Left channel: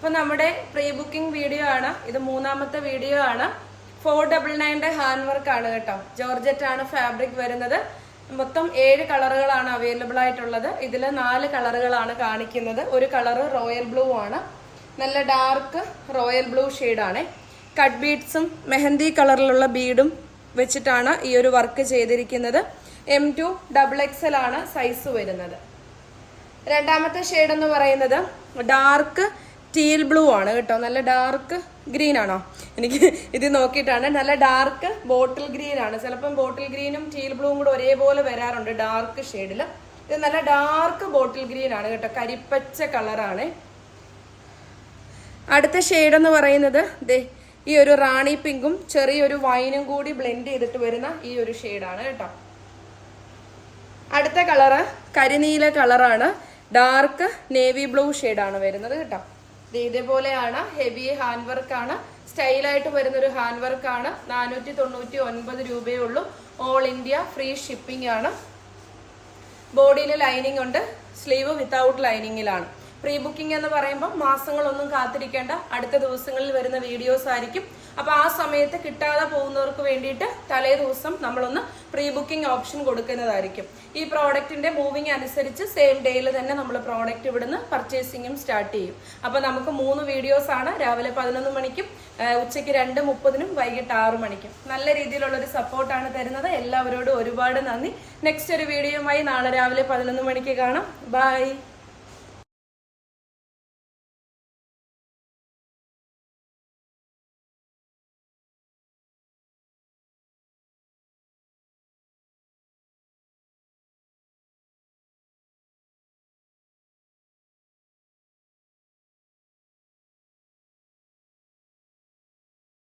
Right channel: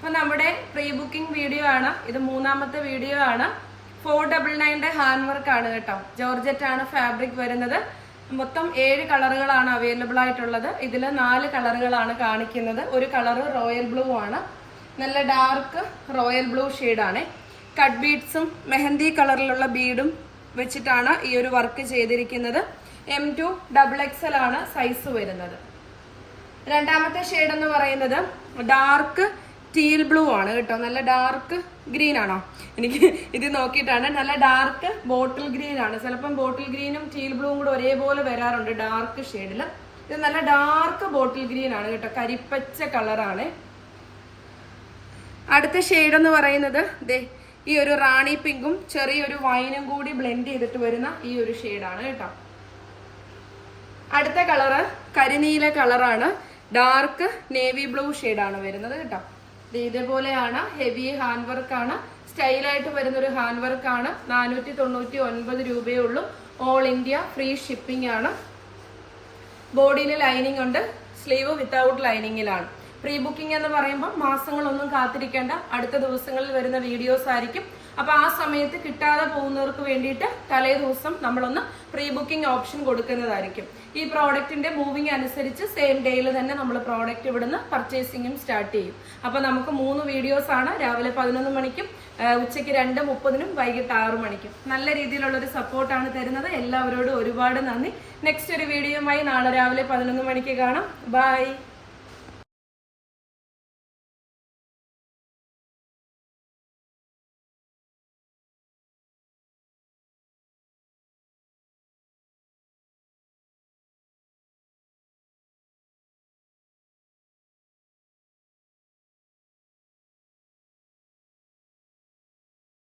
അപ്പൊ നമ്മുടെ pre booking video ആണ്. ഇത് മൂന്നാമത്തെ വീഡിയോ ആണ്. ഫോർ ഡബിൾ നയന്റെ ഹാൻഡ് വർക്ക് ആണ് കേട്ടോ. ജോർജറ്റ് ആണ് ഫാബ്രിക് വരുന്നത്. മൊത്തം ഏഴ് കളറുകളാണ് അവൈലബിൾ ആയിട്ടുള്ളത്. ഇതിൽ നാല് കളറുകളാണ് കാണിക്കുന്നത്. ഒരു കളറ് റോയൽ ബ്ലൂ ആണ്. നല്ല ഡാർക്ക് റോയൽ ബ്ലൂ ആണ്. കട്ട് ബീഡ്സും മെഹന്തി കളറിലുള്ള ബീഡും വെച്ചിട്ടാണ് ഈ ഒരു വർക്ക് ചെയ്തിരിക്കുന്നത്. എം ടു ഡബിൾ എക്സൽ ആണ് സൈസ് വരുന്നത്. രണ്ടാമത്തെ ഷെയ്ഡ് എന്ന് പറയുന്നത് ഡാർക്ക് ടീൽ ബ്ലൂ ആണ് കേട്ടോ. നല്ല ഡാർക്ക് ഗ്രീൻ ആണോ? എനിക്ക് ഇത് നോക്കിയിട്ടാണ്. നല്ല ഡാർക്ക് ബോട്ടിൽ ഗ്രീൻ ആണ്. ചിലപ്പം ബോട്ടിൽ ഗ്രീനും ടീൽ ബ്ലൂവും കൂടെ ഒരേപോലെ വരാറുണ്ട് ഡാർക്ക് ഷെയ്ഡിൽ ഇത് നല്ല ഡാർക്ക് ബോട്ടിൽ ഗ്രീൻ ആണ് കേട്ടോ. കരിപ്പച്ച കളറാണ് അടുത്ത ഷെയ്ഡ് എന്ന് പറയുന്നത് ദേ ഈ ഒരു റാണി പിങ്കും ചെറിയൊരു വൈനും കൂടി ബ്ലെൻഡ് ചെയ്തിട്ട് വരുന്ന ഈ ഒരു ഷെയ്ഡാണ് കേട്ടോ. അടുത്ത കളറ് കരിനീല കളറാണ് ഡാർക്ക് നേവി ബ്ലൂ ആണ് വരുന്നത് കേട്ടോ. ഇതേപോലെയാണ് ഹെവി ഹാൻഡ് വർക്ക് ആണ്. സ്റ്റൈലായിട്ട് വരുന്ന ഒരു ഹാൻഡ് വർക്ക് ആണ്. നാനൂറ്റി തൊണ്ണൂറ്റി ഒൻപത് രൂപയേ ഉള്ളൂ. ഓൾ ഇന്ത്യ ഫ്രീ ഷിപ്പിംഗ് ആണ്. ബോഡിയിൽ ലൈനിങ് ഉണ്ട്. സ്ലീവ് വിത്തൗട്ട് ലൈനിങ്ങിലാണ് പ്രീ ബുക്കിംഗ് എന്ന് പറയുമ്പോൾ മാസങ്ങളൊന്നും കാത്തിരിക്കേണ്ട. അടുത്ത ദിവസങ്ങളിൽ വരുന്ന വീഡിയോസ് ആയിരിക്കും. അപ്പൊ ആ സമയത്ത് കിട്ടാതെ പോകുന്നവർക്ക് വേണ്ടിയിട്ട് തലേ ദിവസം നമ്മളൊന്ന് പ്രീ ബുക്കിംഗ് ഓപ്ഷൻ കൊടുക്കുന്നതായിരിക്കും. ഈ പ്രോഡക്റ്റിന്റെ മൂവിങ് അനുസരിച്ച് സെയിം ഡേയിൽ തന്നെ നമ്മൾ പ്രോഡക്റ്റ് ഇവിടുന്ന് പർച്ചേസിങ്ങും സ്റ്റാർട്ട് ചെയ്യും. അപ്പൊ നമുക്ക് മൂന്ന് വീഡിയോസ് ആണ്. രാവിലെ പതിനൊന്ന് മണിക്കും ഉച്ചയ്ക്ക് രണ്ട് മുപ്പതിനും വൈകിട്ട് ആറു മണിക്കും. നല്ല രീതിയിലുള്ള ഒരു സപ്പോർട്ടാണ് തരുന്നത്. എല്ലാവരോടും ഒരുപാട് നന്ദി. നെക്സ്റ്റ് ഒരു വീഡിയോയുമായി നാളെ രാവിലെ പതിനൊന്ന് മണിക്ക് കാണാം. ബൈ